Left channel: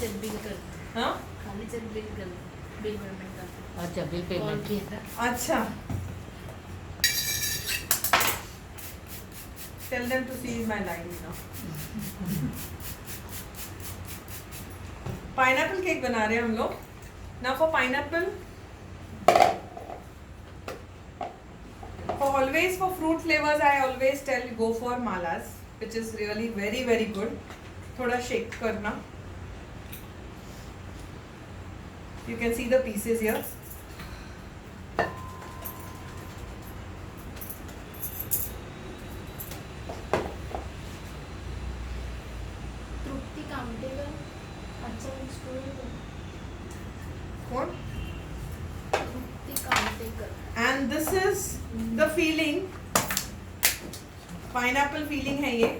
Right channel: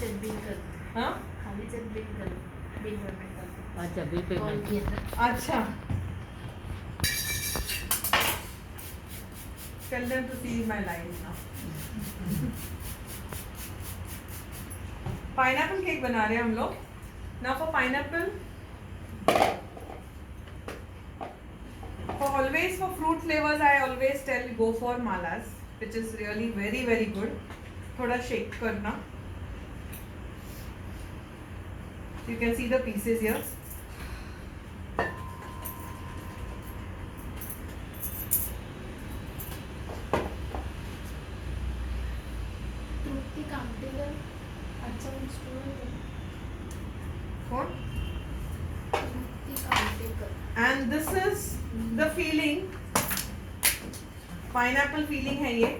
Bill कर, हाँ खाली चेक बिल कर, बिल पेमेंट कर। अच्छा बिल पेमेंट। अच्छा tell them to see my live now. Pineapple cake बना रहे हैं हम लोग। Now for pineapple, for always for fruit flavors I always tell go for malas, which is really very very good. थोड़ा shake करना। You can see the pieces here. तृप्ति कामटेकर, अच्छा student है। कौन? तृप्ति कामटेकर। And this is the feeling, pineapple feeling है ये।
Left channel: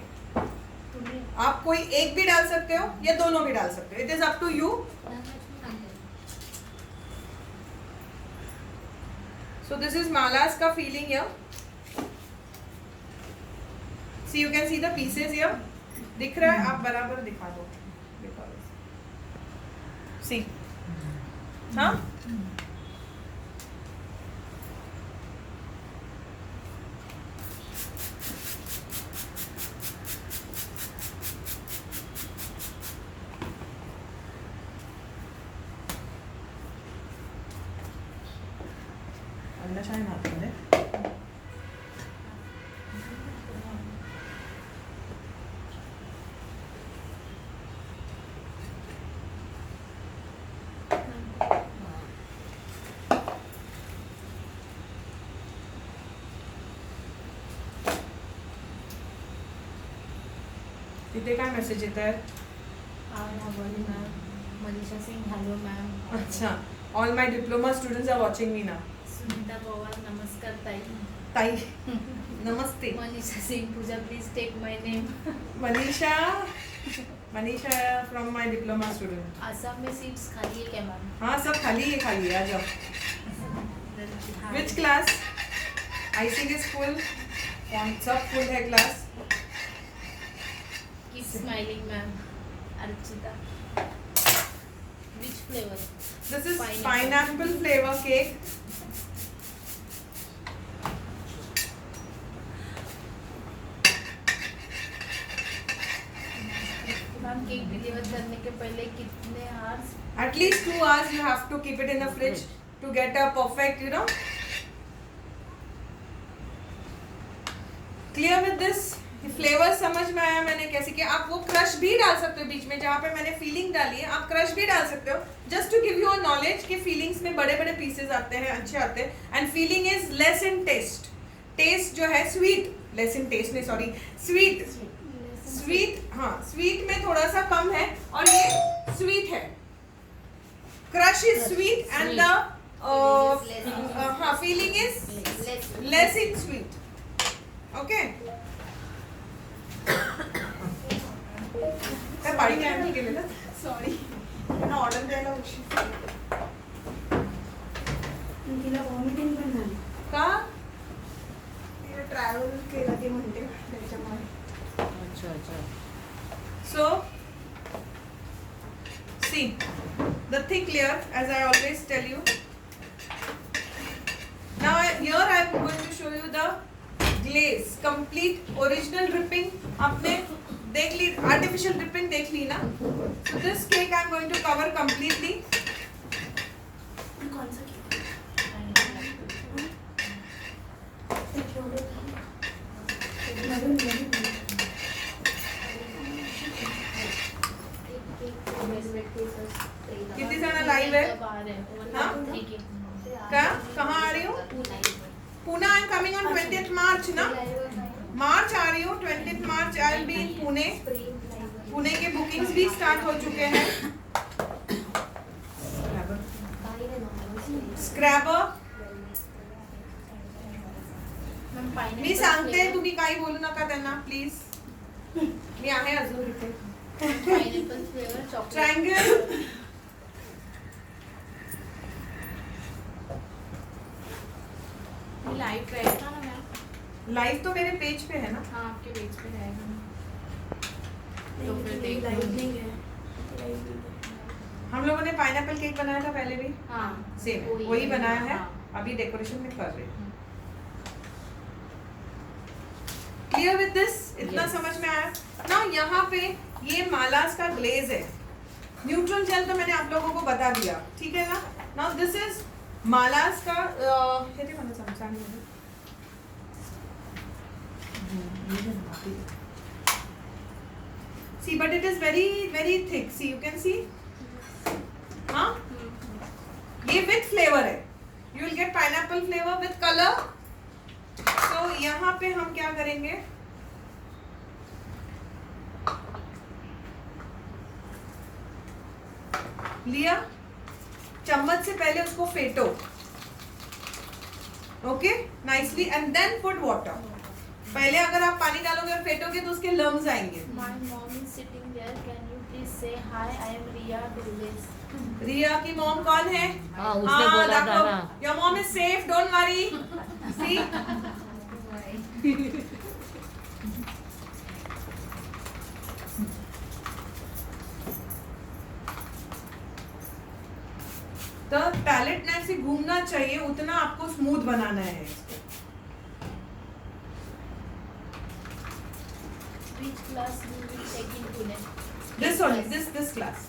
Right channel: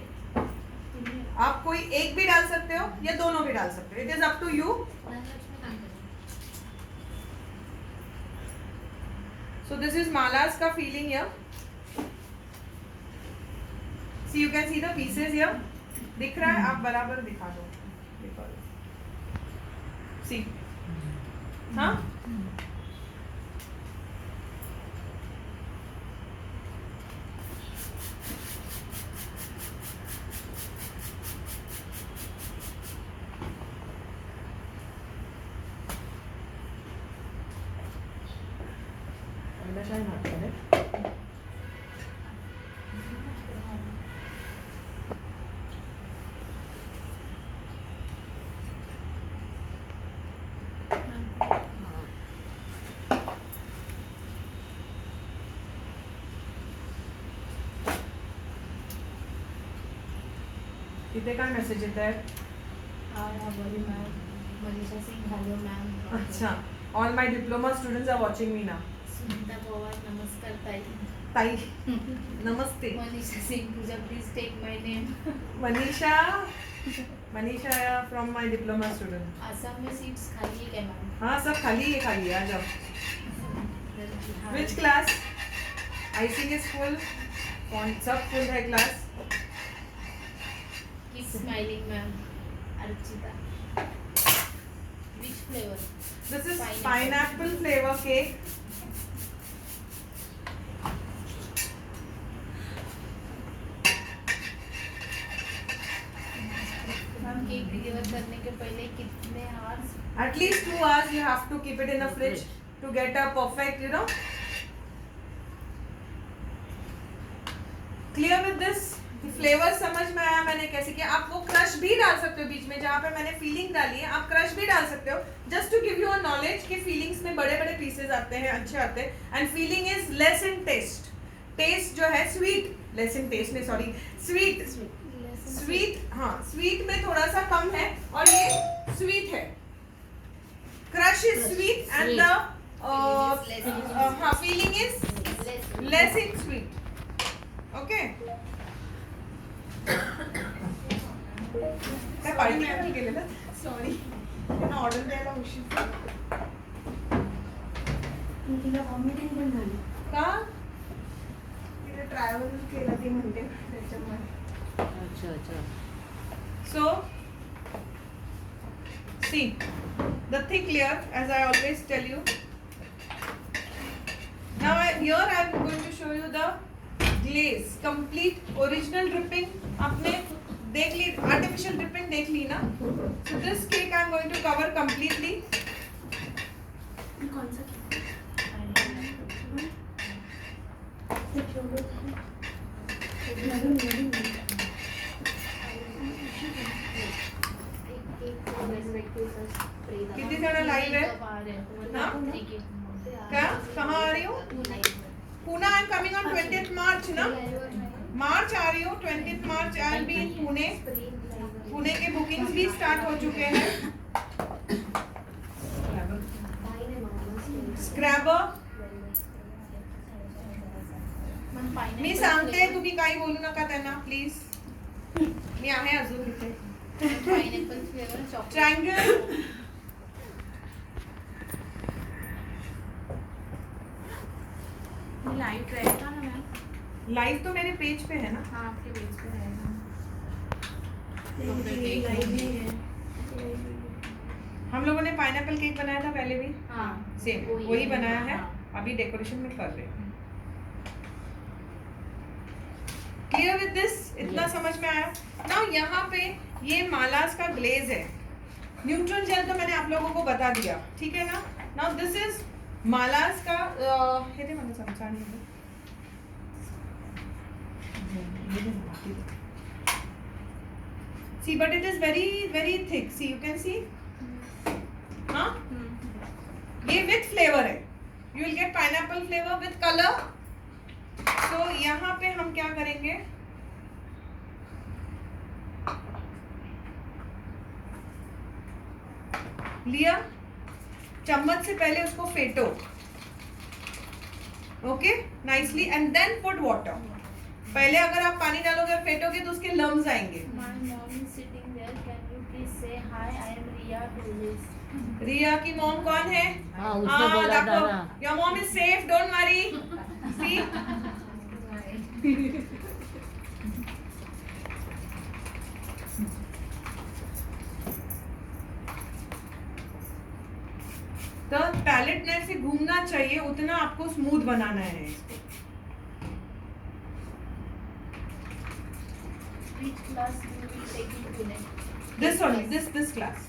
आप कोई एक भी डाल सकते हो या दोनों भी डाल सकते हो, it is up to you. So this is मालास का filling here. See you can see the pieces here, दिख रहा है? आप बराबर दिखा दो, सी हाँ शायद आते हैं। कितने का मैसेज आता है? Manisha Singh, hello ma'am. अच्छा, all my diploma students are watching me now. Sunita Pawar, नमस्कार ताई। ताई नमस्ते। Manisha Singh, Pooja please take my name. Manisha from my diploma student. Assam में सीट्स खाली है क्या मैम? हाँ सब खाली है, आ जाओ। Which class? आईसीके स्कूल, कौन सब फुल है class? Keep smiling ma'am. Archita, which flavour? This is pineapple flavour cake. Ma'am cake deliver करने के पहले कितने hours? At least 2 hours you have to keep it in the fridge to get a perfect, you know. Clear with this? Flavour समझ में आया मैंने कैसे किया? आप वो क्रश भी डाल सकते हो बीच में, जहाँ पे मैंने फीलिंग डाली है आप क्रश भी डाल सकते हो, just to give you a knowledge कि फीलिंग्स में बड़े बड़े पीसेस आते हैं, अच्छे आते हैं। And filling is less in taste. Taste जो है स्वीट, लेस इन टेस्ट नहीं, सॉरी स्वीट, हाँ स्वीट में थोड़ा सा कम है और ये स्वीट है। Crush is sweet and the हाँ filling is less in sweet. Okay, party में केलं ना, सॉरी त्यांना ऑर्डर द्यायला उशीर तिला वॉमिटिंग पण झाली का? तिला ट्रॅव्हल केलं ते म्हणते त्याच्यामुळे। अच्छा अच्छा। So, see, the thick layer, as I always tell you. Now here I am going to show you the glaze, complete original dripping. आपने देख ली, artificial dripping देख ली ना? So this cake I am going to cover completely. कौन सा कितनी जण live है? हाँ? क्या? कहाँ आ रही हो? Pune I am coming on 20th मार्च ना? मार्च आ रही हो, 20th March I will be in Pune. Pune के बुकिंग्स भी स्टार्ट हो चुके हैं। स्क्रॅबर मी सांगते, तुम्ही काही बोलू नका त्यांना प्लीज। मी आहे अजून इथे। Pineapple flavour chocolate triangle live रहेगा ना मैम? लाइव तो मेरे पेज पे है ना? हाँ आपके पेज पे रहेगा। लाइव नहीं है। लोगों ने पाइनएप्पल केक बनाया था पहले भी, हाँ सेम वही बनाया है, अभी डेकोरेशन में कर रहे हैं। Clear with this? इतना Yes. समझ में आया? नाउ यहाँ पे ये मालास का ग्लेज है, न्यूट्रल जेल तो मैंने आप लोगों को बता दिया, ठीक है ना? नाउ दिस इज मालास का हे दे मला समजा नहीं see but it is very thick, see you can see, हाँ ये with flavor है, you will get pineapple flavor with color। तो यहाँ पे हम क्या करेंगे, लिया चम्मच से पहले उसको फेंटो, okay nicely, and then put water. पहले अगर आप पानी डालोगे और फेंटोगे तो उसके लम्स आएंगे। My mom is sitting there. Can you please say hi? I am Riya. Do this. रिया की मॉम कौन है? हाँ उसने बोला था ना। Your mom is safe, don't worry. See तो पैलेट नाइफ से घूमना चाहिए, उतना आपको स्मूथ बनाना है इसको। Which class you will take in Pune? This only, this class.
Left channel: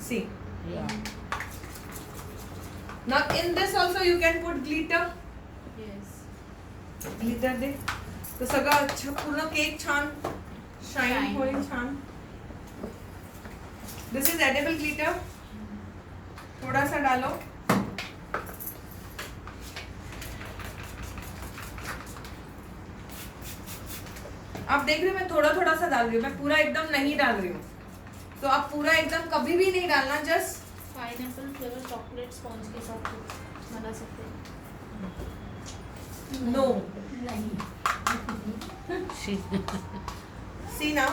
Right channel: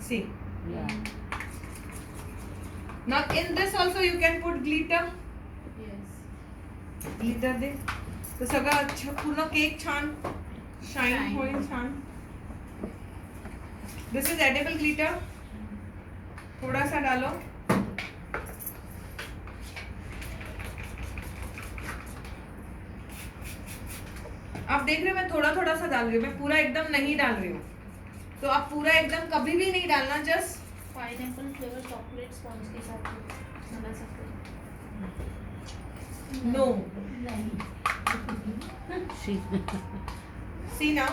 See. Yeah. Now in this also you can put glitter. Yes. glitter दे, तो सगळं अच्छा पूर्ण केक छान शाइन Shine. होईल छान। This is edible glitter. थोड़ा सा डालो। आप देख रहे हो मैं थोड़ा थोड़ा सा डाल रही हूँ, मैं पूरा एकदम नहीं डाल रही हूँ, तो आप पूरा एकदम कभी भी नहीं डालना, just Pineapple flavor chocolate sponge के साथ बना सकते हैं। नो नहीं। सी ना।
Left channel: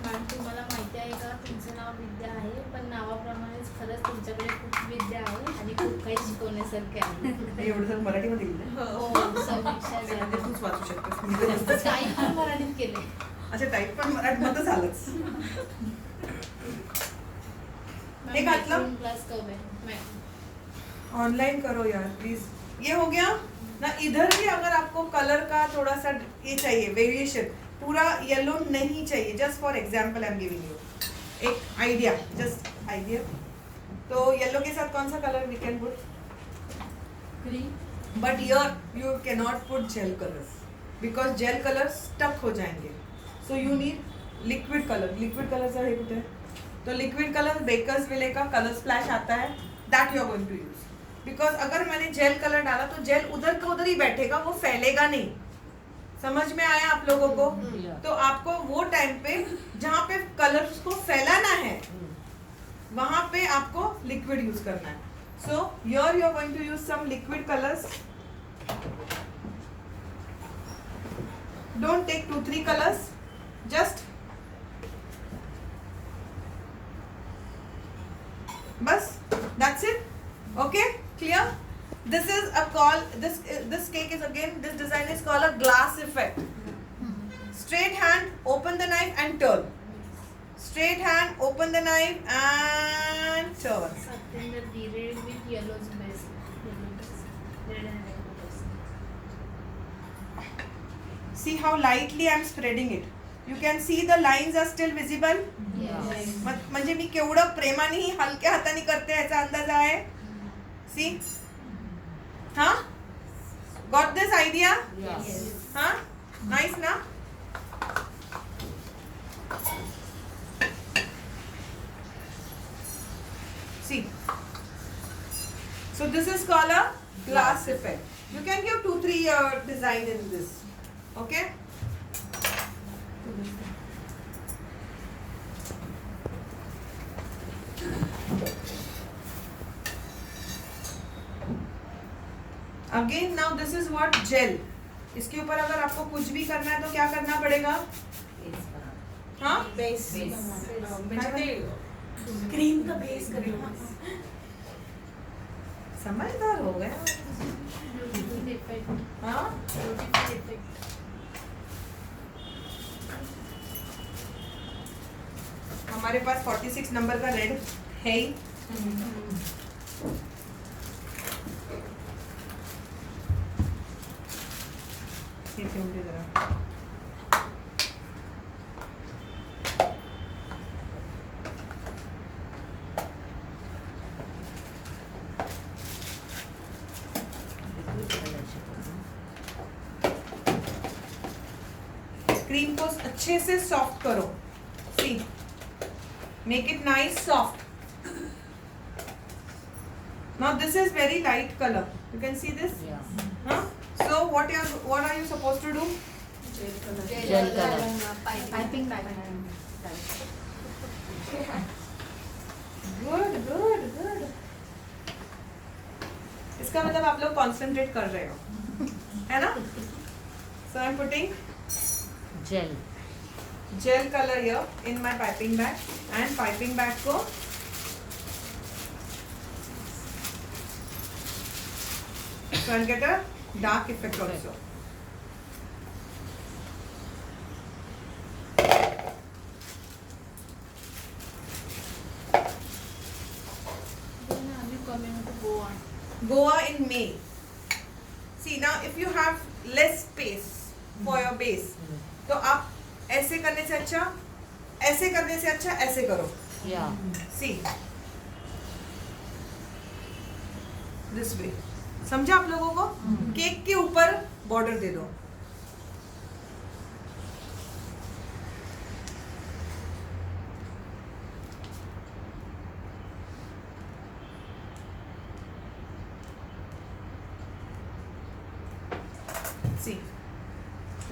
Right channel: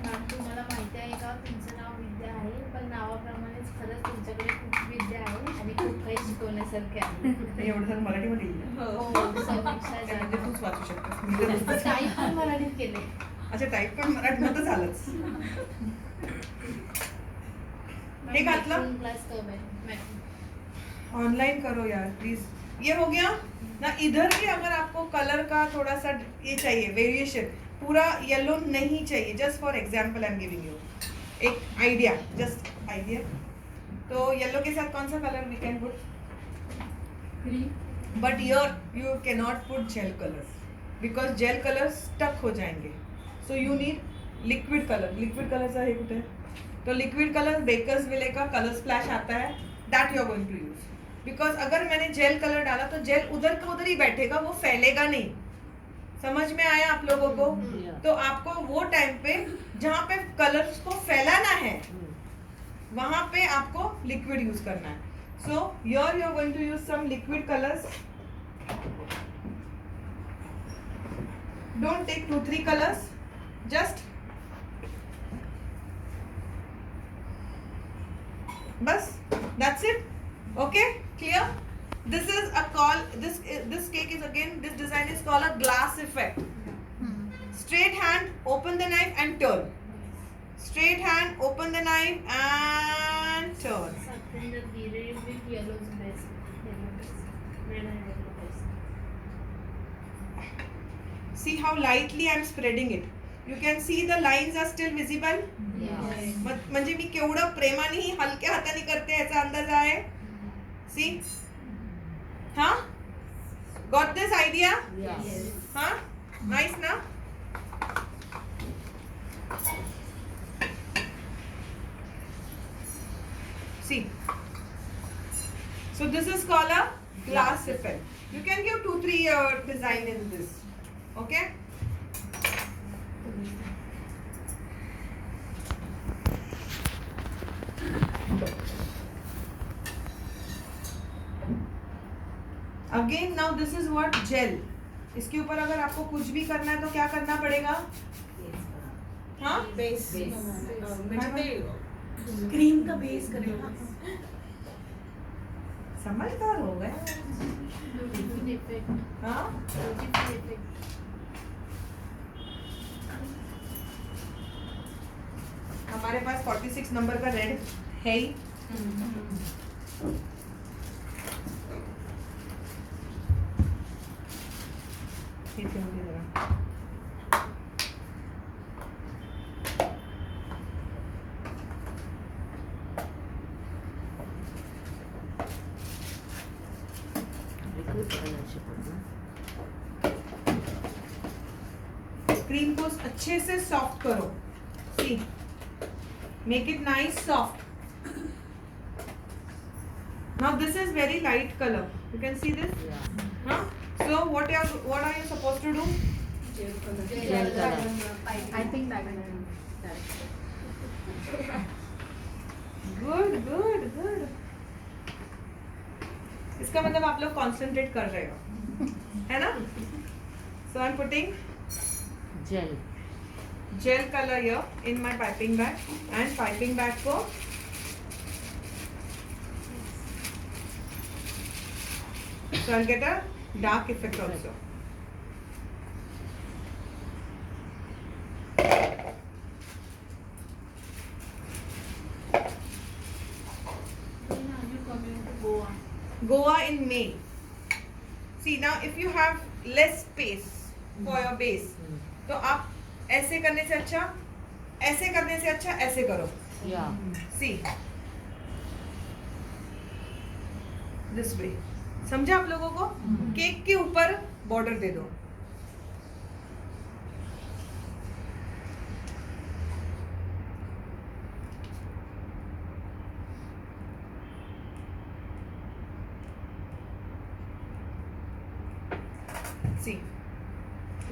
मॅम तुम्हाला माहिती आहे का, तुमचं नाव विद्या आहे, पण नावाप्रमाणेच खरंच तुमच्याकडे खूप विद्या आहे आणि खूप काही शिकवण्यासारखे आहे। एवढं सगळं मराठीमध्ये लिहिलं। हो समीक्षा म्हणजे झाली। तूच वाचू शकतेस। काही पण मराठीत केले। अच्छा टाईप पण मराठीमध्ये झालंच। हे घातलं? क्लास कब है मैं ऑनलाइन करो यार प्लीज। ये हो गया ना। इधर भी अगर आपको कलर का थोड़ा सा ये चाहिए वेरिएशन, पूरा येलो नहीं चाहिए, just for example I am giving you एक आइडिया, जस्ट आइडिया। तो येलो के साथ कौन सा colour we can put? Green but here you can not put gel colours because gel colour stuck हो जाएंगे, so you need liquid colour. Liquid colour सा है कुछ, तो लिक्विड कलर बेकर्स विले का कलर स्प्लैश आता है, that you are going to use. Because अगर मैंने जेल कलर डाला तो जेल उधर का उधर ही बैठेगा, वो फैलेगा नहीं। समझ में आया आप लोगों को? Yeah. तो आपको वो टाइम पे जहाँ पे कलर्स को फैलाना है वहां पे आपको लिक्विड यूज करना है। So your you are going to use some liquid colours. Don't take 2-3 colours, just बस, that's it. Okay clear? This is a call. This cake is again. This design is called a glass effect. Straight hand, open the knife and turn. Straight hand, open the knife and turn. Satyendra, the red with yellow is best. Red and yellow best. See how lightly I am spreading it. You can see the lines are still visible. Yes. म्हणजे मी केवढं प्रेमाने हलक्या हाताने करते याचा अंदाज आहे. See? हाँ? Got this idea? Yeah. Yes. हाँ? Nice ना? See. So this is called a glass effect. You can give 2-3 design in this. Okay? Again now this is what gel. इसके ऊपर अगर आपको कुछ भी करना है तो क्या करना पड़ेगा? हाँ बेस म्हणजे ते क्रीम का बेस करेगा। समझदार हो गए। Beautiful effect. हाँ Beautiful effect. हमारे पास 46 नंबर का रेड है ही। ठीक है, मुझे जरा क्रीम को अच्छे से सॉफ्ट करो। See, make it nice soft. Now this is very light color. You can see this. Huh? So what are you supposed to do? Gel color. Piping bag Good. इसका मतलब आप लोग कॉन्सेंट्रेट कर रहे हो, है ना? So I'm putting gel color here in my piping bag, and piping bag को so I'll get a dark effect also. Goa in May. See now, if you have less space for your base, तो आप ऐसे करने से अच्छा ऐसे करो। See, this way. समझा आप लोगों को? केक के ऊपर बॉर्डर दे दो। See,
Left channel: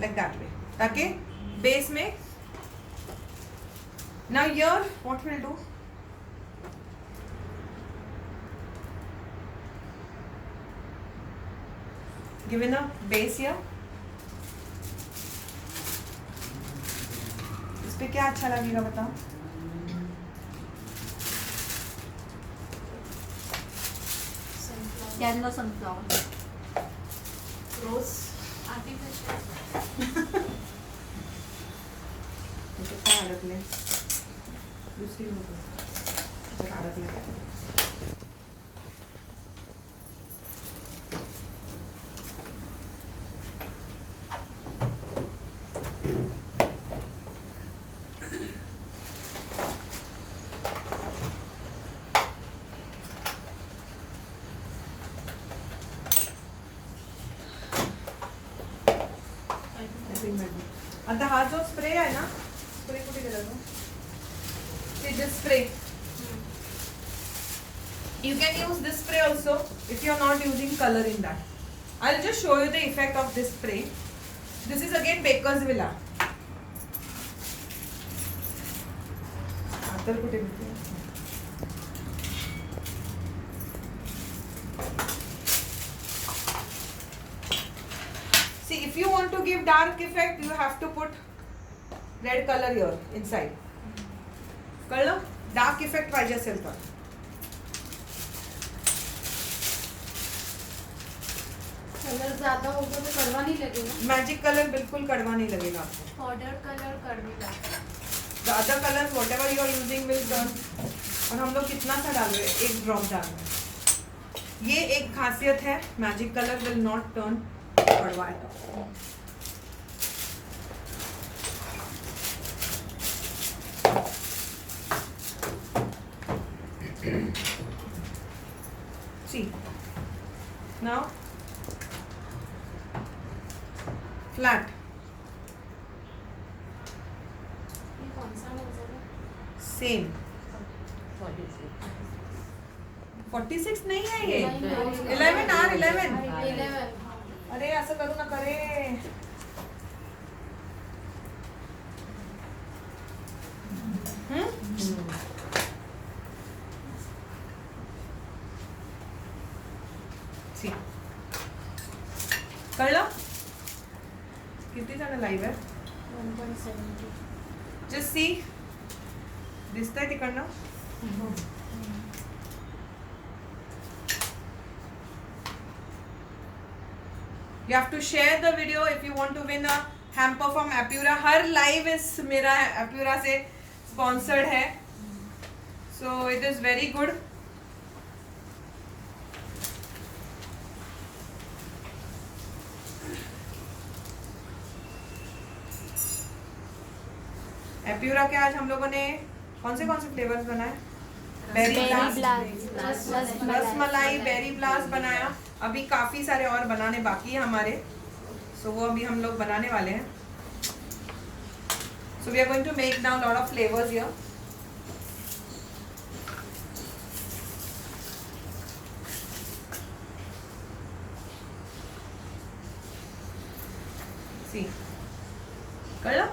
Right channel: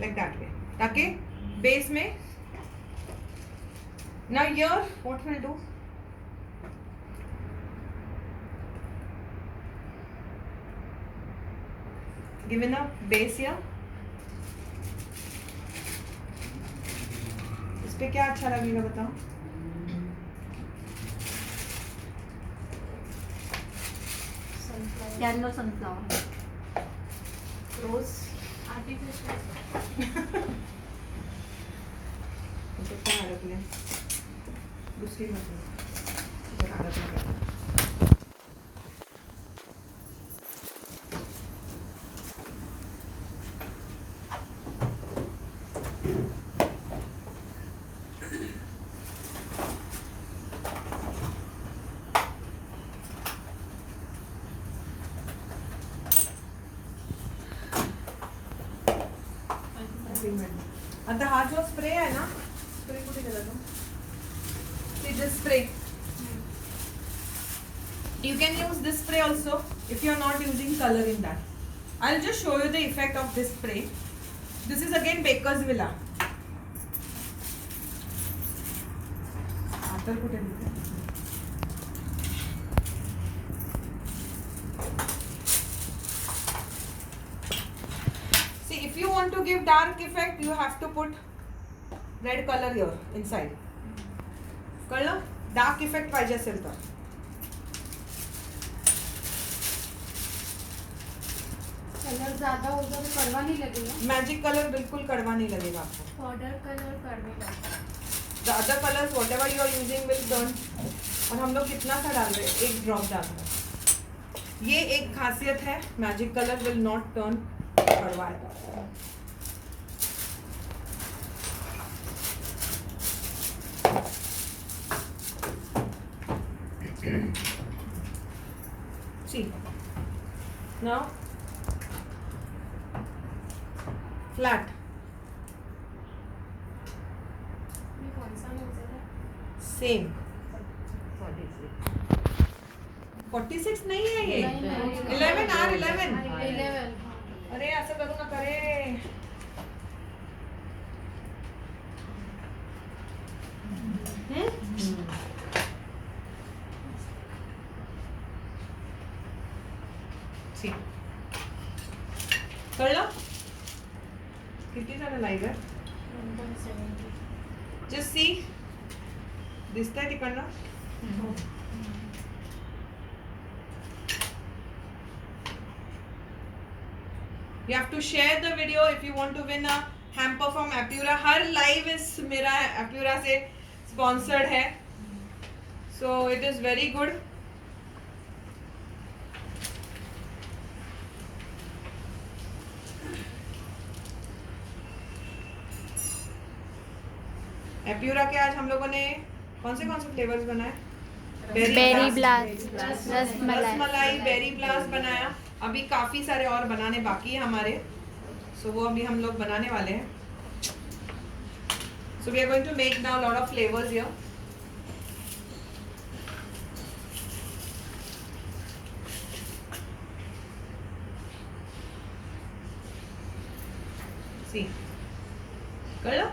like that way. ताकि बेस में now here what we'll do, given a base here, इस पे क्या अच्छा लगेगा बताओ? येलो सनफ्लावर, रोज आर्टिफिशियल तो क्या आदत में दूसरी मतलब आदत में आता हा जो स्प्रे आहे ना, स्प्रे कुठे गेला तो? See this spray. You can use this spray also if you are not using color in that. I'll just show you the effect of this spray. This is again Baker's Villa. आता कुठे गेला? See, if you want to give dark effect, you have to put red color here inside. कळलं? Dark effect पाहिजे असेल तर colour ज्यादा होगा तो कड़वा नहीं लगेगा। मैजिक कलर बिल्कुल कड़वा नहीं लगेगा आपको। पाउडर कलर कड़वे लगेगा। The other colors whatever you are using will turn। और हम लोग कितना सा डाल रहे हैं? 1 ड्रॉप डाल रहे हैं। ये एक खासियत है, magic colour will not turn कड़वा। See, now flat. ये कौन सा नोजल है? Same. 46 नहीं है ये। 11 R 11। 11 अरे असं करू नका रे। See. कळलं? किती जण लाईव्ह आहे? 1.70 Just see. दिसतंय तिकडनं? You have to share the video if you want to win a hamper from Apura. Her live इस मेरा Apura से sponsored है। So it is very good. एप्यूरा के आज हम लोगों ने कौन से फ्लेवर्स बनाए? Berry blast, rasmalai, berry blast बनाया. अभी काफी सारे और बनाने बाकी है हमारे, सो वो अभी हम लोग बनाने वाले हैं. So we are going to make now a lot of flavors here. See, कर लो.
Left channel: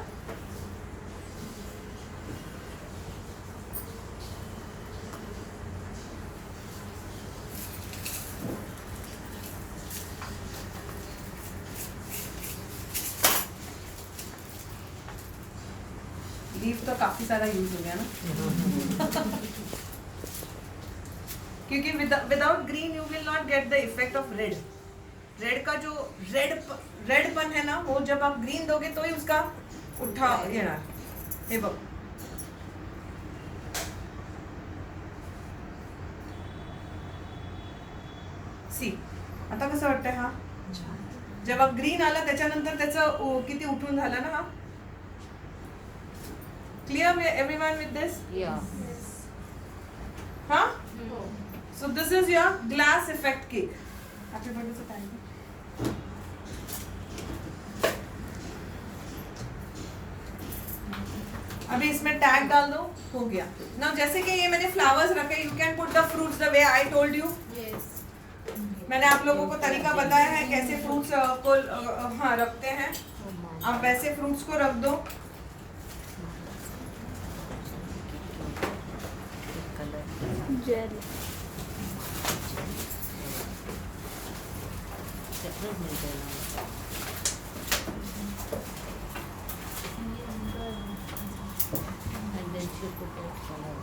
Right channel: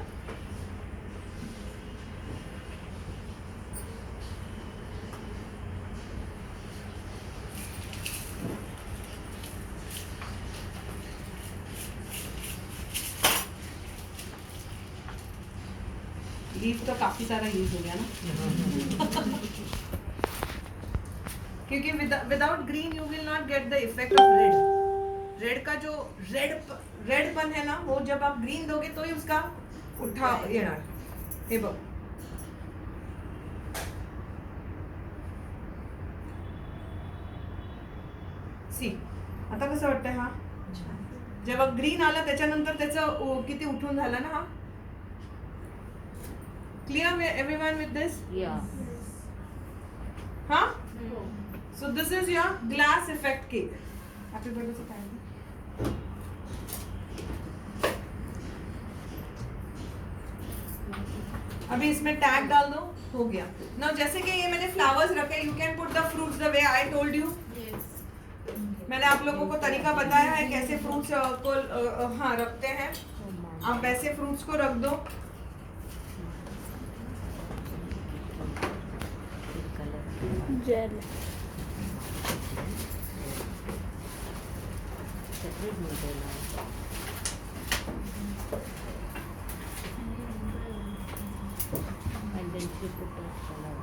लीफ तो काफी सारा यूज हो गया ना. क्योंकि without green you will not get the effect of red. Red का जो रेडपन है ना, वो जब आप ग्रीन दोगे तो ही उसका उठा येणार. हे बघ, सी आता कसं वाटतंय? हा जेव्हा ग्रीन आला त्याच्यानंतर त्याचं किती उठून झालं ना. हा clear everyone with this? Yeah. Huh? So this is your glass effect cake. Happy birthday to time. अभी इसमें टैग डाल दो, हो गया ना. जैसे कि ये मैंने फ्लावर्स रखे, you can put the fruits the way I told you. मैंने आप लोगों को तरीका बताया है कैसे फ्रूट्स को हाँ रखते हैं. आप वैसे फ्रूट्स को रख दो. जेल सेपरेट मिलते हैं ना. And then she put that color.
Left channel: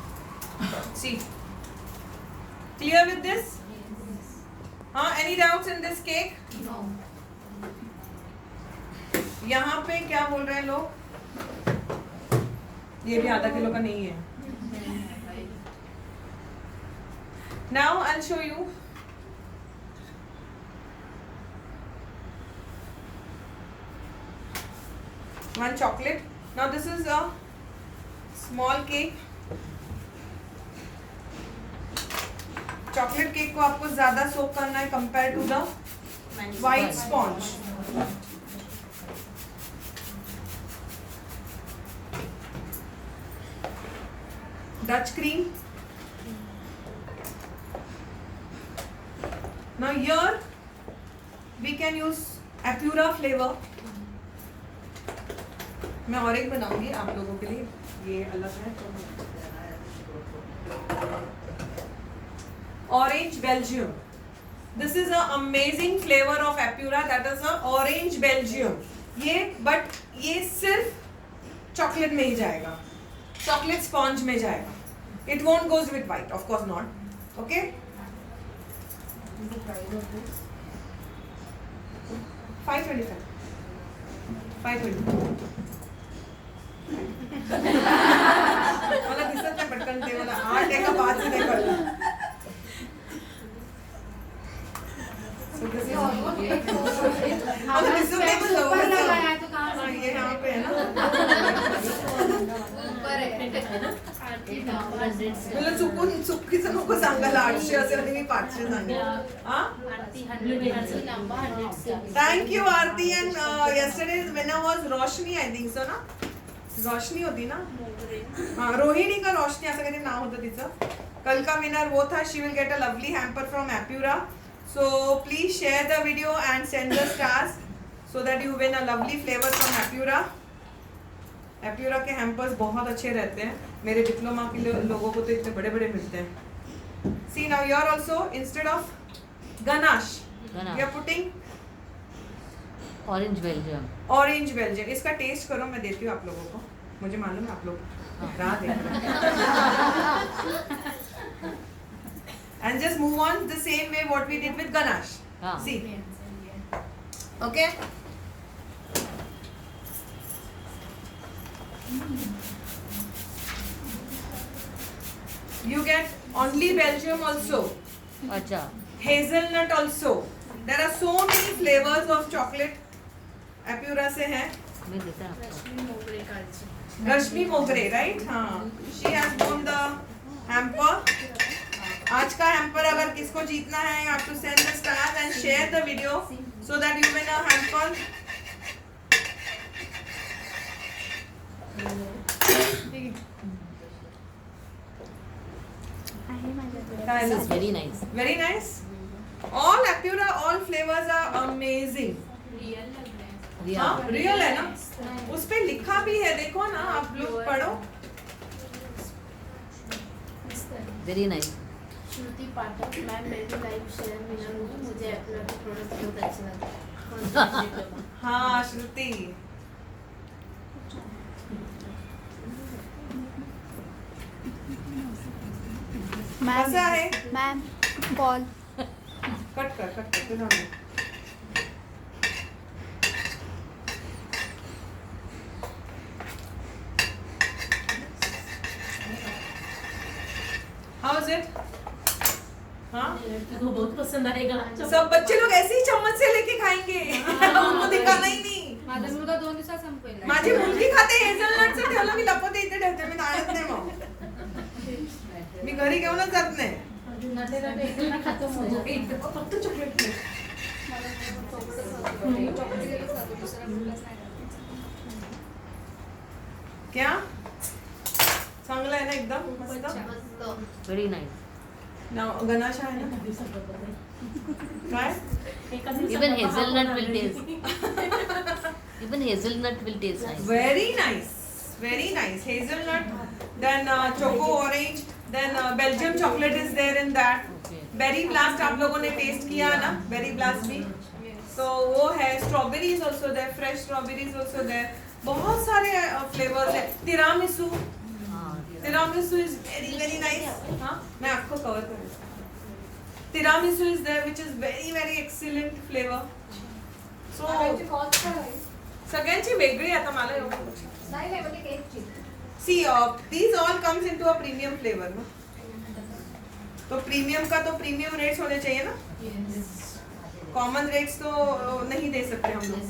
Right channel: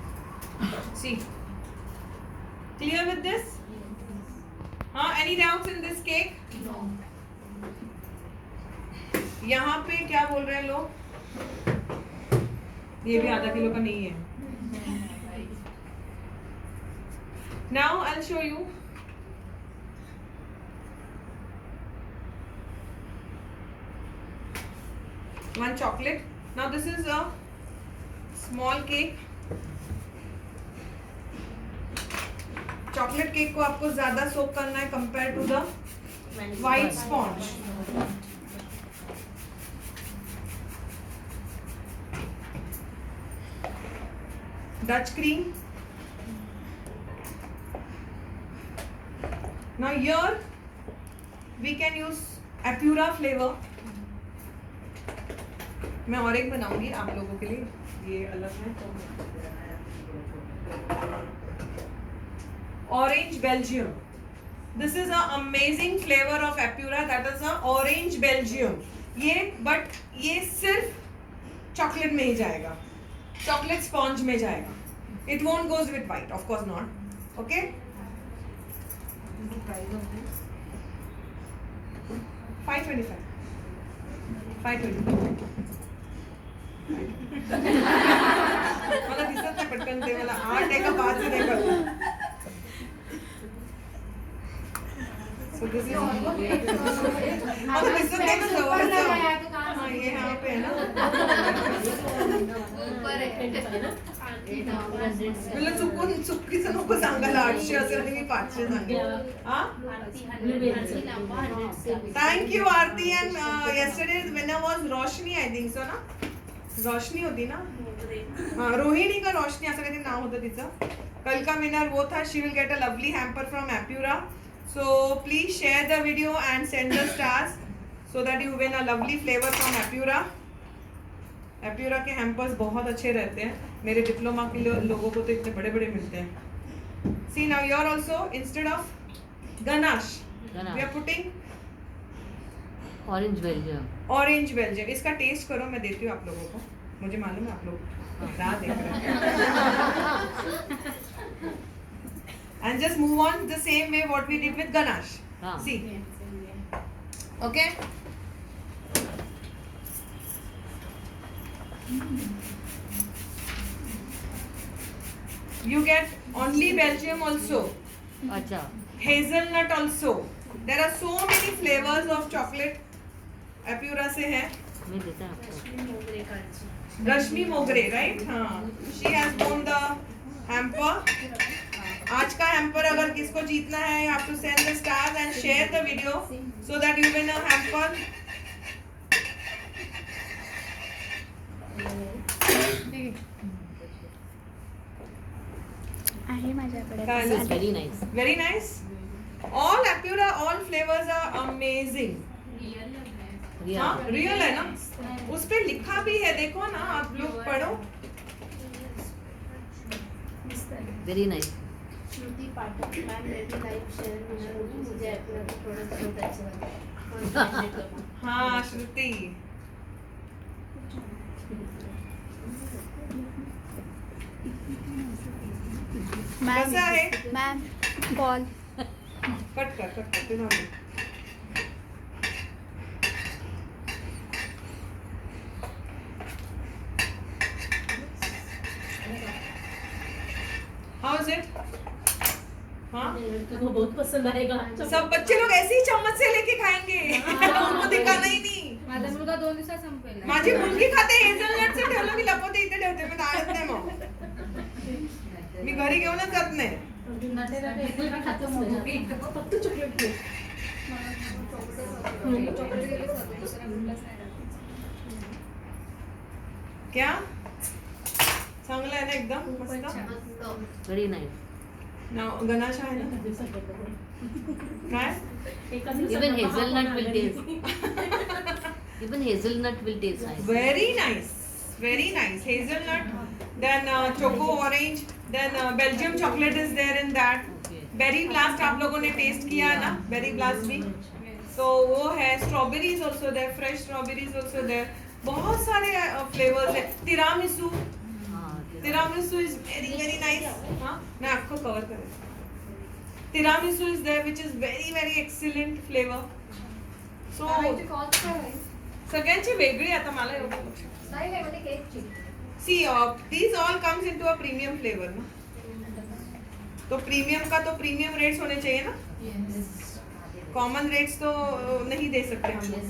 See, clear with this? Any doubts in this cake? No. यहाँ पे क्या बोल रहे हैं लोग? ये भी आधा किलो का नहीं है. Now I'll show you. One chocolate. Now this is a small cake. Chocolate cake को आपको ज्यादा सोक करना है compare to the white sponge. Dutch cream. Now here we can use Apura flavor. मैं और एक बनाऊंगी आप लोगों के लिए, ये अलग है. Orange Belgium. This is a amazing flavor of Apura. That is a Orange Belgium. ये but ये सिर्फ चॉकलेट में ही जाएगा, चॉकलेट स्पॉन्ज में जाएगा. It won't goes with white, of course not. Okay. 525. 520. मला दिसत नाही पटकन ते, मला 8 आहे का 5 नाही कळलं. So this is आता दिसत नाही ना जवळ जवळ. ये यहाँ पे है ना. तुला चुकीचं नको सांगायला 800 असेल आणि मी 500 सांगेन. Thank you Aarti. And yesterday winner was Roshni, I think so ना. रोशनी होती ना, हाँ रोहिणी का रोशनी असं काहीतरी नाव होतं तिचं. कल का विनर वो था. She will get a lovely hamper from एप्यूरा. So please share the video and send the stars so that you win a lovely flavor from Apura. Apura के हैम्पर्स बहुत अच्छे रहते हैं. मेरे डिप्लोमा के लोगों को तो इतने बड़े बड़े मिलते हैं. See now you are also instead of ganache, we are putting Orange Belgium. Orange Belgium. इसका टेस्ट करो, मैं देती हूँ आप लोगों को. मुझे मालूम है आप लोग राह देख रहे हैं. And just move on the same way what we did with ganache. See. Okay. You get only Belgium also. अच्छा Hazelnut also. There are so many flavors of chocolate. Apura से है. मैं देता आपको रश्मी मोगरे कालची. रश्मि मोगरे, right? हाँ. She has won the hamper. आज का hamper अगर किसको जीतना है, you have to send the stars and share the video so that you win a hamper. आहे माझ्याकडे. This is very nice. very nice. All Apura, all flavors are amazing. Real लग रहा है. हाँ, real है ना? उस पे लिखा भी है, देखो ना, आप लोग पढ़ो. Very nice. श्रुति पाठक, मैं मेरी लाइफ शेयर विनर हूँ. मुझे एप्पल के प्रोडक्ट बहुत अच्छे लगते हैं. हाँ, श्रुति. कैसा है? Ma'am ball. कट कर तुझा मुंह. How is it? हाँ? तुमको बहुत पसंद आएगा. सब बच्चे लोग ऐसे ही चम्मच से लेके खाएंगे. उनको दिखाना ही नाही. माझा मुलगा 2 दिवसात संपेल. माझी मुलगी खाते हेझलनटचं ठेवलं मी लपवते इथे ठेवते मी आणत नाही मग. मी घरी घेऊनच जात नाही. फक्त चॉकलेट प्लेट. क्या चांगलं आहे ना एकदम मस्त. Very nice. नाव गणाश आहे ना काय even hazelnut will taste. Even hazelnut will taste nice. very nice hazelnut, then choco orange, then Belgium chocolate is there in that. Okay. Berry blast आप लोगों ने टेस्ट किया ना, berry blast भी. So वो है, strawberries also there, fresh strawberries also there. बहुत सारे flavors है. Tiramisu is very nice. हाँ, मैं आपको cover करूँगा. Tiramisu is there, which is very excellent flavor. So सगळ्यांची वेगळी आता मला एवढं लक्षात. See, these all comes into a premium flavor ना. तो प्रीमियम का तो प्रीमियम रेट्स होने चाहिए ना. कॉमन रेट्स तो नहीं दे सकते हम लोग.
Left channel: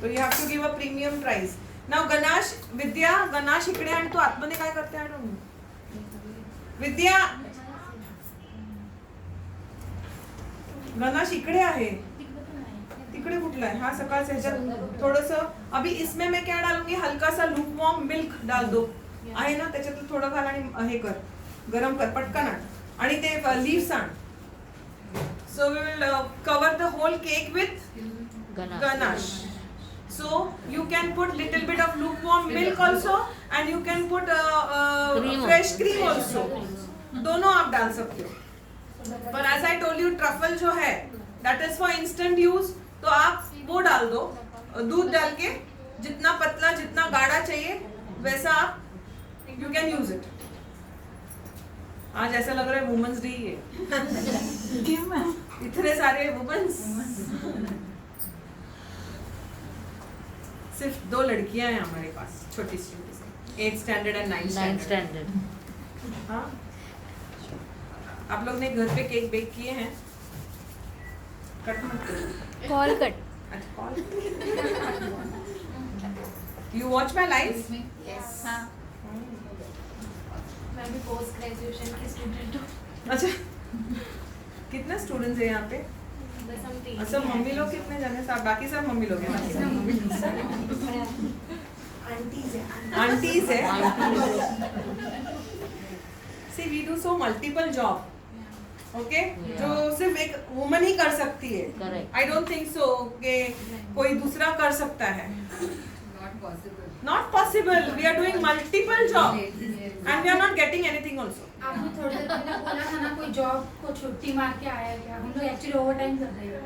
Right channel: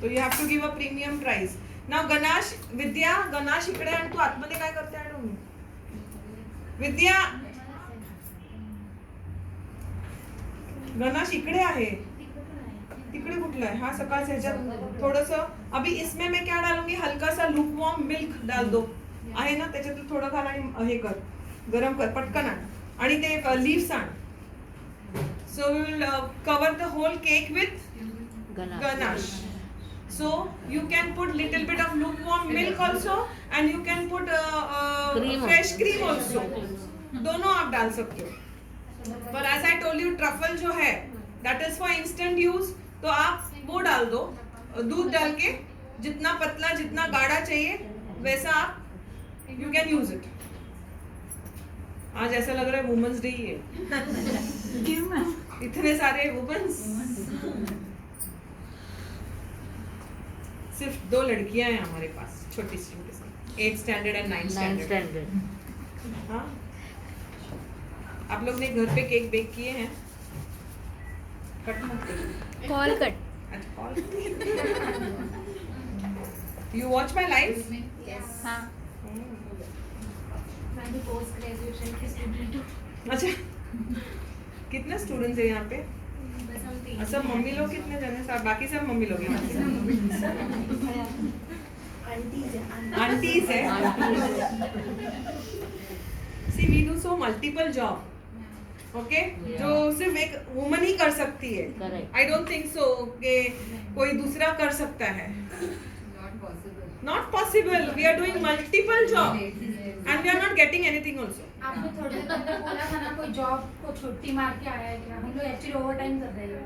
तो you have to give a premium price. Now गणाश इकडे आणि तू आतमध्ये काय करते आय डोंट नो. विद्या गणाश इकडे आहे. तिकडे कुठला है? हाँ सकाळच्या ह्याच्यात थोडंसं. अभी इसमें मैं क्या डालूंगी, हल्का सा लूकवार्म मिल्क डाल दो. आहे ना, त्याच्यात थोडं घाल आणि हे कर, गरम कर पटकन आण आणि ते लीव्स आण. So we will cover the whole cake with ganache. So you can put little bit of lukewarm milk also and you can put fresh cream also. दोनों आप डाल सकते हो. पर as I told you truffle जो है that is for instant use. तो आप वो डाल दो, दूध डाल के जितना पतला जितना गाढ़ा चाहिए वैसा आप यू कैन यूज इट. आज ऐसा लग रहा है वुमेन्स डे ही है. इतने सारे वुमेन्स. सिर्फ 2 लड़कियां हैं हमारे पास, छोटी सी 8th standard and 9th standard. हाँ, आप लोग ने घर पे केक बेक किए हैं? कट मत करो. Call cut. You watch my lives? Yes. हाँ. मैं भी पोस्ट ग्रेजुएशन की स्टूडेंट हूँ. अच्छा, कितने स्टूडेंट्स हैं यहाँ पे? बस हम 3. सब मम्मी लोग कितने जने साथ? बाकी सब मम्मी लोग हैं. आंटीज है. See, we do so multiple job. Okay? जो सिर्फ एक वुमन ही कर सकती है. Correct. I don't think so कि कोई दूसरा कर सकता है. Not possible. We are doing multiple job and we are not getting anything also. आपने थोड़ी देर पहले बोला था ना कोई जॉब को छुट्टी मार के आया है क्या? हम लोग एक्चुअली ओवरटाइम कर रहे हैं.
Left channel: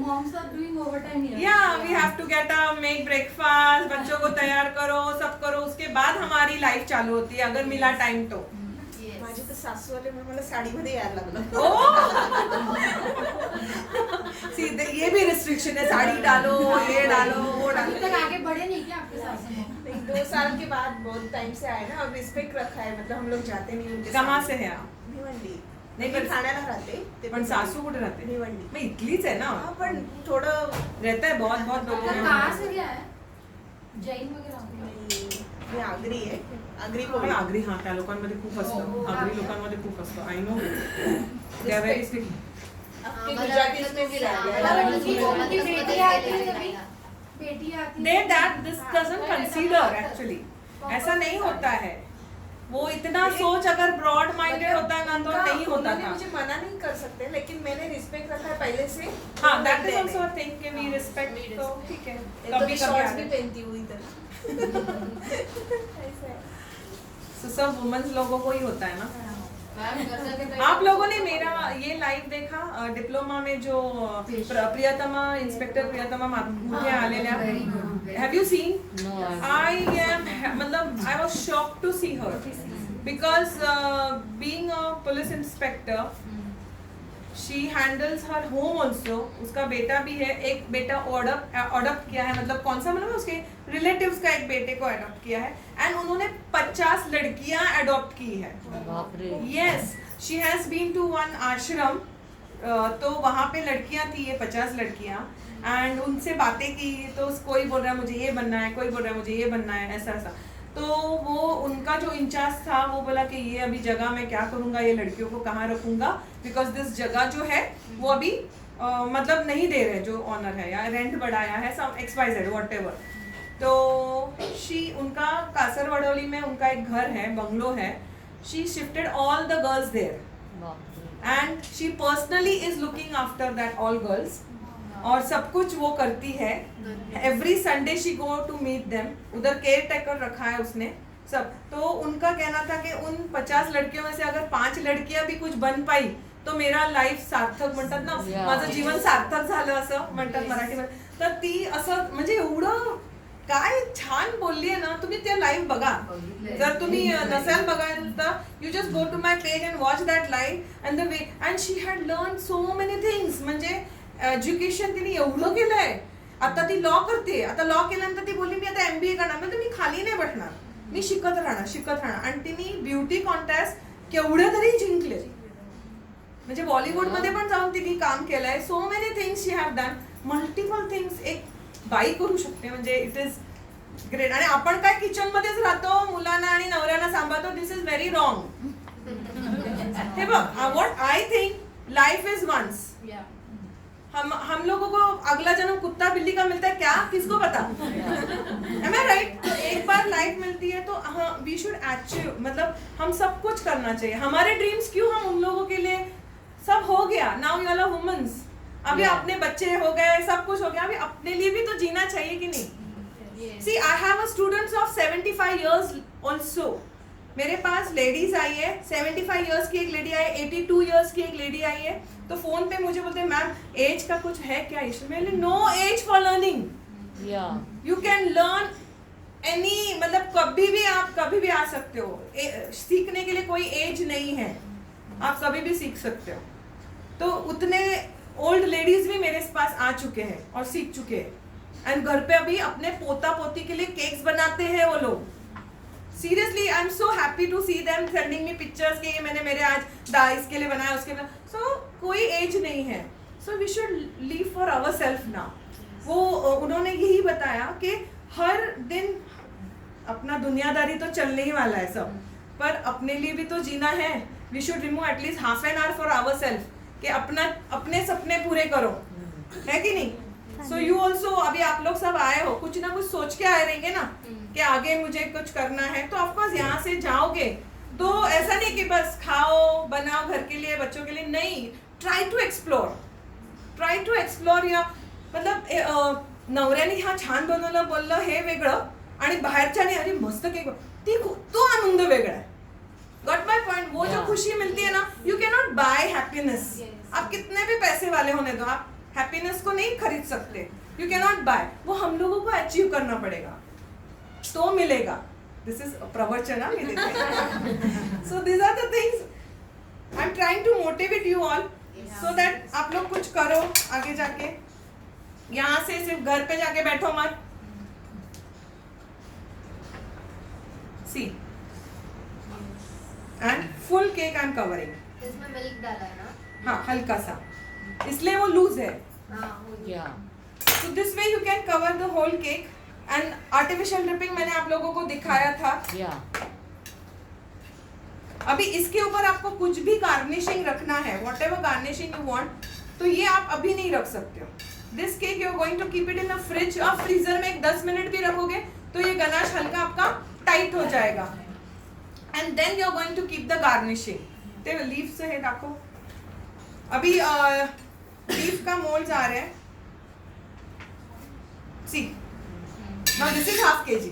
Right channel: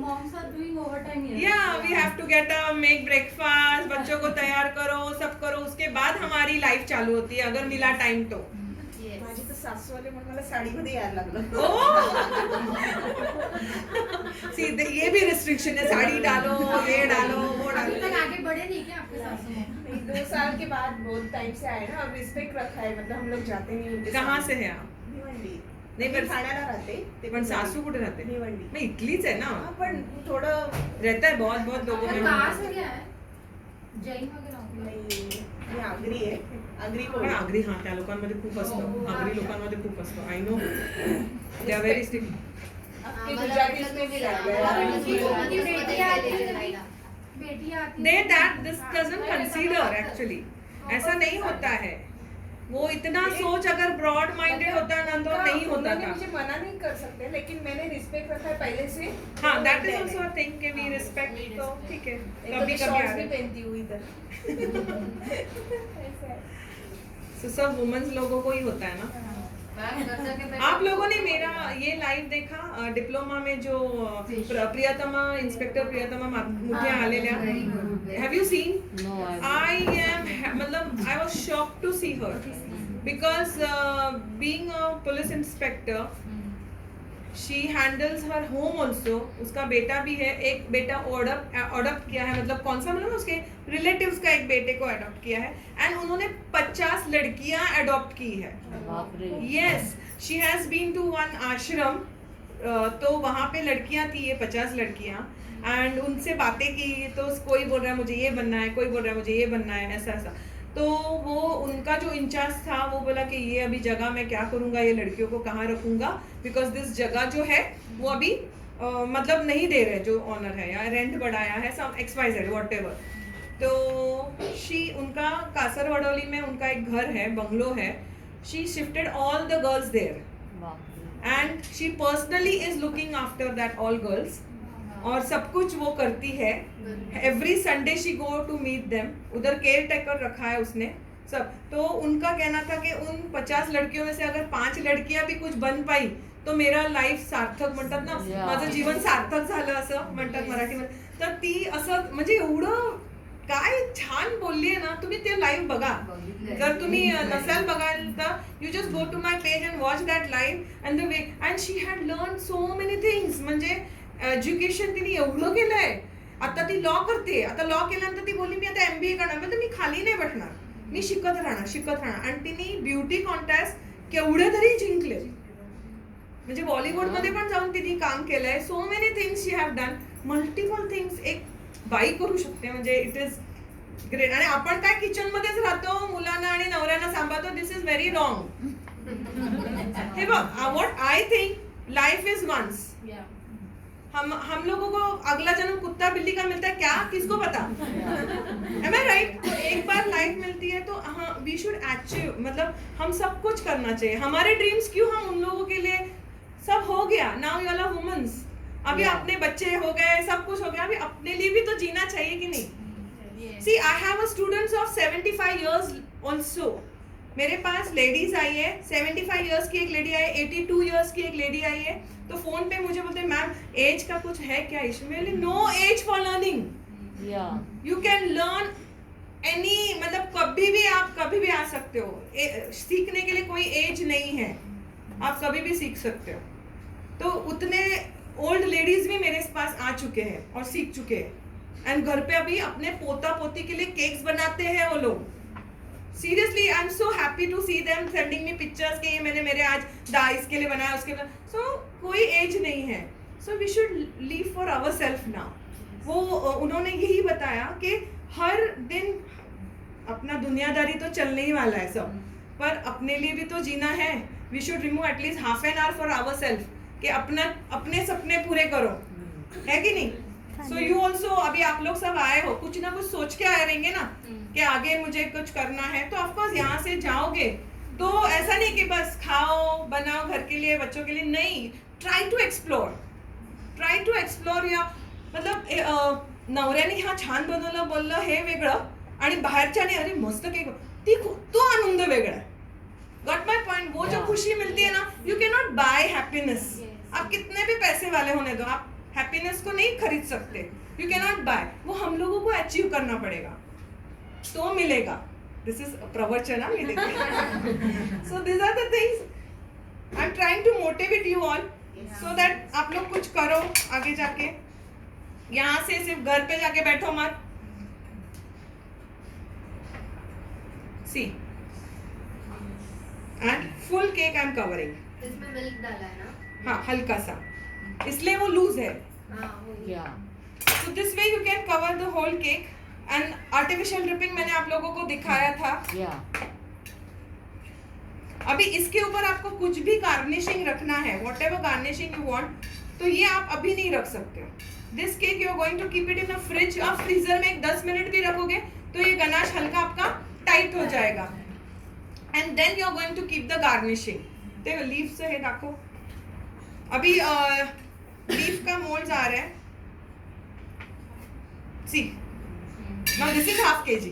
Moms are doing overtime here. Yeah, we have to get up, make breakfast, बच्चों को तैयार करो, सब करो, उसके बाद हमारी लाइफ चालू होती है अगर मिला टाइम तो. Yes. सासू आले म्हणून मला साडीमध्ये यायला लागलं. See, ये भी रिस्ट्रिक्शन है, साड़ी डालो, ये डालो, वो अभी डालो. तक आगे बढ़े नहीं क्या आपके सासू माँ? नहीं, 2 साल के बाद बहुत टाइम से आए ना, अब रिस्पेक्ट रखा है, मतलब हम लोग जाते नहीं उनके कहाँ साथ. से है आप? भिवंडी. नाही, मी पण- ठाण्याला राहते, ते पण सासू कुठे राहते? भिवंडी. मग इथलीच आहे ना. हाँ, पण थोडं रहता है बहुत बहुत लोगों आपका में. कहाँ से क्या है? जैन वगैरह होते हैं? नाही, मी आगरी आहे, आगरी पण कोळी. आगरी हा त्या लोकांमध्ये खूप असतं. आगरी लोकांमध्ये खूप असतं. I know. They are very strict. आपके आम्हाला गुजराती वाटलं में भी तुझी- रहते आम्हाला हैं. वाटलं तुझी उनकी गुजरातीमध्ये बेटी आती है गेलेली कभी? राहायला. बेटी आती दे है? That this doesn't consider actually. ऐसा नहीं होता है. वो इतना सोच अगर ब्रॉड माइंडेड होता ना तो नहीं होता उन्होंने था. मुझे मना नहीं कर सकते, लेकिन मैंने रिस्पेक्ट रखा है पहले से. हाँ, तो दैट इज मैंने- आल्सो अ थिंग कि वी रिस्पेक्ट. तो ठीक है. एक तो कभी मैं कभी शॉर्ट्स भी आगे. पहनती हूँ इधर. ऐसा है. So, सब वुमेन्स लोगों को ही होता है ना. मॅम, कसं की आप लोगों ने मेरा ये लाइव देखा डिप्लोमा में जो प्रियतमा इंस्पेक्टर प्रियतमा मुझे आलेल्या. Have you seen? No, I am मतलब I was shocked to see her because being a police inspector she handles her home also. उसका बेटा भी है, एक बेटा अडॉप्ट किया है, मतलब कौन सा मतलब उसके रिलेटिव्स का एक बेटे को अडॉप्ट किया है एंड उन्होंने 50 लड़कियां अडॉप्ट की है. बाप रे. Yes, she has been to one ashram. तो वहाँ पे लड़कियाँ थी, ये 50 लड़कियाँ, एंड उनसे बातें की. तो कोई बोल रहा है मुझे ये बनना है, कोई बोल रहा है मुझे ये बनना है, ऐसा ऐसा. तो वो उनका जो इंचार्ज था वो बोला कि ये अभी जगह मैं क्या करूँगा, ये लड़कियों को कहाँ रखूँगा, बिकॉज दिस जगह जो है वो अभी मतलब नहीं दे रहे जो ऑनर है, या रेंट बढ़ाया है, सब XYZ व्हाटएवर. तो उनका कासरवडोली में उनका एक घर है, बंगलो है. She shifted all the girls there बाप रे. and she personally is looking after that all girls. और सब कुछ वो करती है. Every Sunday she go to meet them. उधर केयर टेकर रखा है उसने सब. तो उनका कहना था कि उन 50 लड़कियों में से अगर 5 लड़कियां भी कुछ बन पाई तो मेरा लाईफ सार्थक म्हणतात ना, Yeah. माझं जीवन सार्थक झालं असं म्हणतात मराठीमध्ये. तर ती असं म्हणजे एवढं काय छान बोलली आहे ना. तुम्ही ते लाईव्ह बघा. जर तुम्ही नसाल बघायला तर you just go to my page and watch that live and the way and she had learn so many things. म्हणजे एज्युकेशन तिने एवढं केलंय. आता ती लॉ करते. आता लॉ केल्यानंतर ती बोलली मी आता MBA करणार. म्हणजे मी खाली नाही बसणार, मी शिकत राहणार. आणि तिने ब्युटी कॉन्टेस्ट केवढे तरी जिंकले. म्हणजे बॉलिवूडमध्ये पण जाऊन तिने काम केलंय. सो many things she have done. Multiple things एक बाई करू शकते. म्हणजे इट इज ग्रेट. आणि आपण काय किचन मध्येच राहतो, मुलांना आणि नवऱ्यांना सांभाळतो. This is very wrong. हे बघ, what I think life is once. हम लोगों को अगला जन्म कुत्ता बिल्ली का मिलता है क्या, किसको पता. Am I right? एक बार लाइफ मिलती है तो हाँ, वी शुड अचीव. मतलब हम सब कुछ करना चाहिए. हमारे ड्रीम्स क्यों, हम उन लोगों के लिए सब हो गया. Now you are womens. अभी अपने बच्चे हो गए, सब कुछ हो गया, अभी अपने लिए भी तो जीना चाहिए कि नहीं. See, I have a students of 75 years also. मेरे पास लेडीज आई है, 75 इयर्स की एक लेडी आई है, 82 इयर्स की एक लेडी आई है. तो फोन पे मुझे बोलते हैं मैम एज का कुछ है क्या इशू. मैंने no age for learning. Yeah. You can learn any, मतलब कभी भी आप कभी भी आ सकते हो. सीखने के लिए कोई एज नहीं है, आप कभी भी सीख सकते हो. तो उतने ओल्ड लेडीज भी मेरे पास आ चुके हैं और सीख चुके हैं. एंड घर पे अभी अपने पोता पोती के लिए केक्स बनाते हैं वो लोग. Seriously I am so happy to see them sending me pictures के ये मैंने मेरे आज इसके लिए बनाया, उसके लिए. सो कोई एज नहीं है. So we should live for our self now. वो उन्होंने यही बताया कि हर दिन अपना दुनियादारी तो चलने ही वाला है सब, पर अपने लिए भी तो जीना है. We should remove at least half an hour for our self, कि अपने सपने पूरे करो, है कि नहीं. सो यू ऑल्सो, अभी आप लोग सब आए हो, कुछ ना कुछ सोच के आए रहेंगे ना कि आगे मुझे कुछ करना है. तो ऑफकोर्स यहाँ से जाओगे तो ऐसा नहीं कि बस खाओ बनाओ घर के लिए बच्चों के लिए, नहीं. Try to explore. या मतलब नवऱ्याने हा छान बनवलं बोललं हे वेगळं, आणि बाहेरच्याने अरे मस्त केक, तो आनंद वेगळा है. Got my point. वो जो खुशी मिलती है ना, you can not buy happiness. आप कितने भी पैसे वाले होने दो, आप हैप्पीनेस को नहीं खरीद सकते. You can not buy. वो हम लोगों को अचीव करना पड़ेगा तो मिलेगा. दिस इज प्रवचन. So this are the things. I am trying to motivate you all so that आप लोग कुछ करो आगे जाके. यहाँ से सिर्फ घर पे जाके बैठो मत. See and full cake I am covering. इसमें मिल्क डाला है ना. हाँ हल्का सा, इसलिए वो लूज है. हाँ वो Yeah. So this way you can cover the whole cake. And artificial dripping मैंने आप लोगों को दिखाया था. Yeah. अभी इसके ऊपर आपको कुछ भी गार्निशिंग रखना है, whatever garnishing you want, तो ये आप अभी नहीं रख सकते हो. This cake you are going to keep it in the fridge. आप फ्रीजर में 10 मिनट भी रखोगे तो ये गनाश हल्का आपका टाइट हो जाएगा. And then you are going to keep the garnishing. देखो लीफ से है डाको. अभी लीफ का मोल्ड आ रहा है. See. Now this is half kg.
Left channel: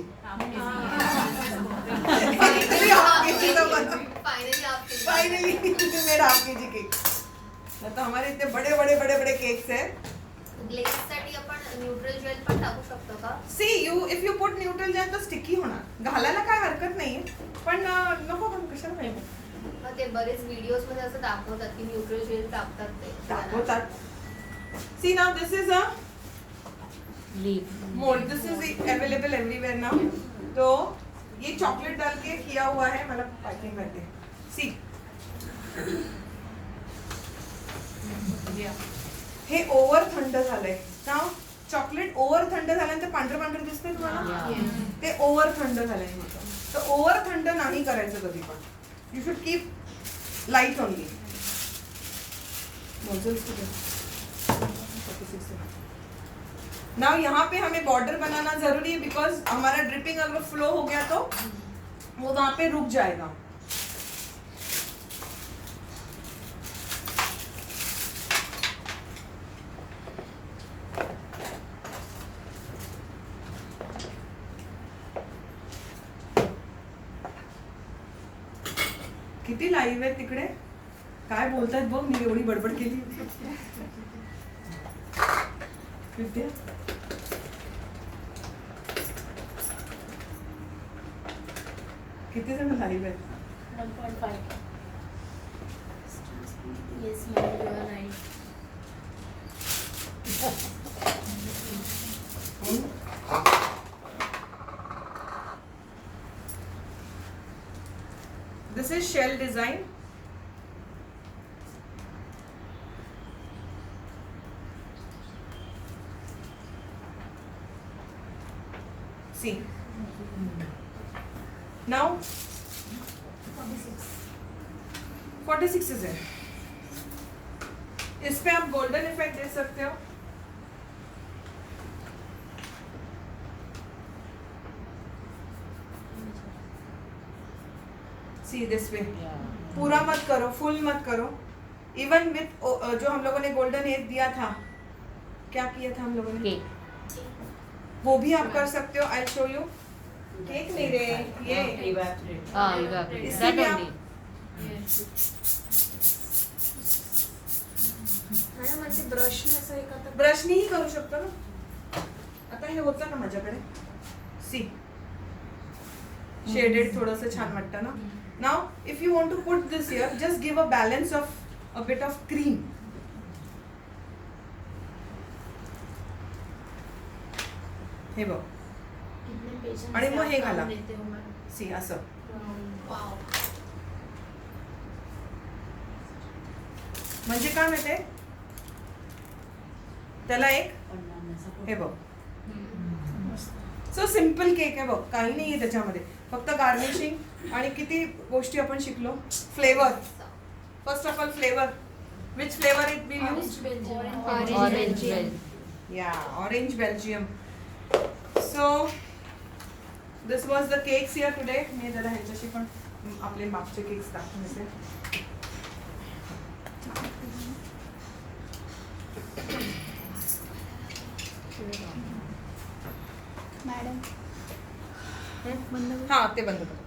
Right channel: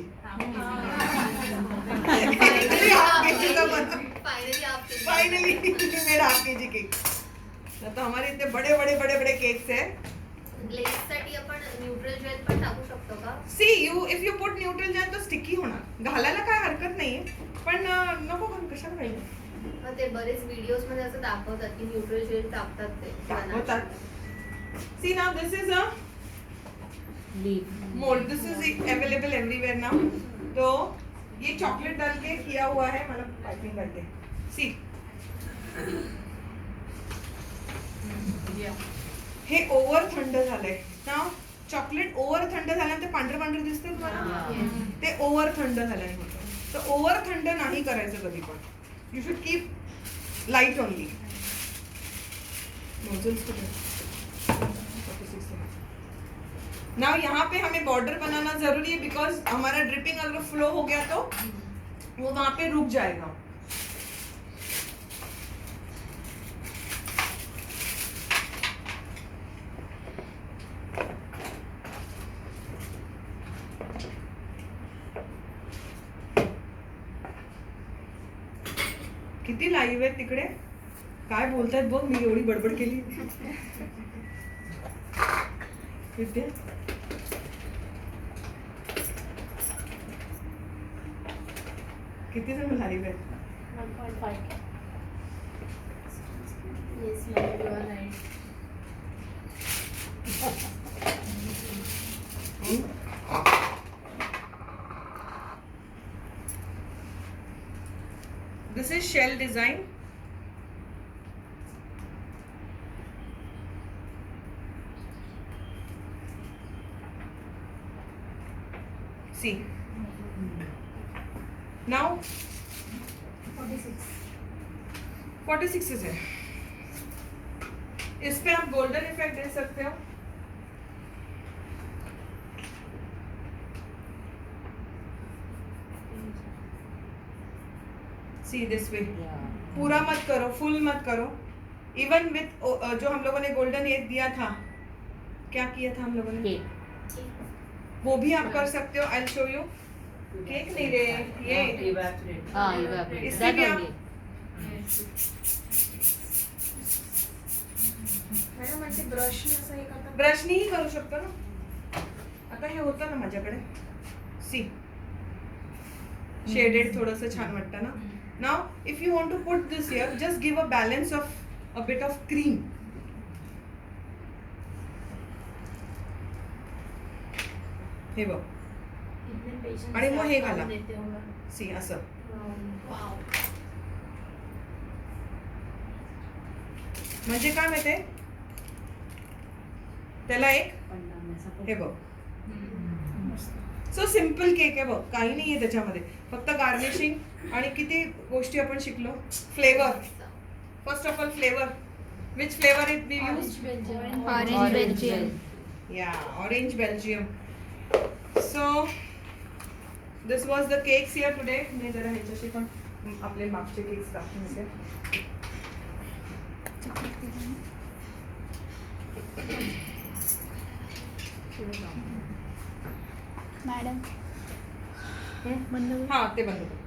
Finally half kg का बना. Finally we made half kg cake. तो हमारे इतने बड़े केक्स हैं. ग्लेजसाठी आपण न्यूट्रल जेल पण टाकू शकतो का? See you if you put neutral gel तो sticky होणार. घालायला काय हरकत नाहीये. पण नको हम कशाला पाहिजे. मग ते बरेच व्हिडिओज मध्ये असं दाखवतात की न्यूट्रल जेल टाकतात ते. दाखवतात. See now this is a Leaf. Mould. This is available everywhere now. तो ये चॉकलेट डाल के किया हुआ है. मतलब पैकिंग करते हैं. सी हे ओव्हर थंड झालंय ना. चॉकलेट ओव्हर थंड झाल्यानंतर पांढरं दिसतंय तुम्हाला. ते ओव्हर थंड झालंय. तर ओव्हर थंड नाही करायचं कधी पण. You should keep light only. Nozzles now यहाँ पे हमें बॉर्डर बनाना जरूरी है बिकॉज हमारा ड्रिपिंग अगर फ्लो हो गया तो वो वहां पे रुक जाएगा. किती लाईव्ह आहे तिकडे. काय बोलतायत बघ. मी एवढी बडबड केली. विद्या किती जण लाईव्ह आहेत. 1.5. Yes ma'am you are right. This is shell design. See. Now 46 है. इस पे आप गोल्डन इफेक्ट दे सकते हो. See this way. Yeah. पूरा मत करो, फुल मत करो. इवन विथ जो हम लोगों ने गोल्डन एज दिया था, क्या किया था हम लोगों ने, Cake. वो भी आप कर सकते हो. I show you. केक नहीं रे, ये Ah, evaporate. इससे That भी आप- only. मॅडम म्हणजे ब्रश असं एक आता ब्रशनीही करू शकतो ना. आता हे होतं ना माझ्याकडे. सी शेडेड थोडंसं छान वाटतं ना. Now if you want to put this here, just give a balance of a bit of cream. हे बघ. कितने पेशेंट आणि मग हे घाला. देते हो मॅम. सी असं. वाव. म्हणजे काय माहितीये, त्याला एक हे बघ. सो सिम्पल केक आहे बघ. काही नाहीये त्याच्यामध्ये, फक्त गार्निशिंग आणि किती गोष्टी आपण शिकलो. Flavour. First of all flavour. Which flavour it be use? Orange Belgium. Orange bell. Yeah, orange Belgium. So this was the cakes here today. मी जरा ह्याच्याशी पण आपले मागचे केक्स दाखवून देते. मॅडम बंद कर. हा ते बंद कर.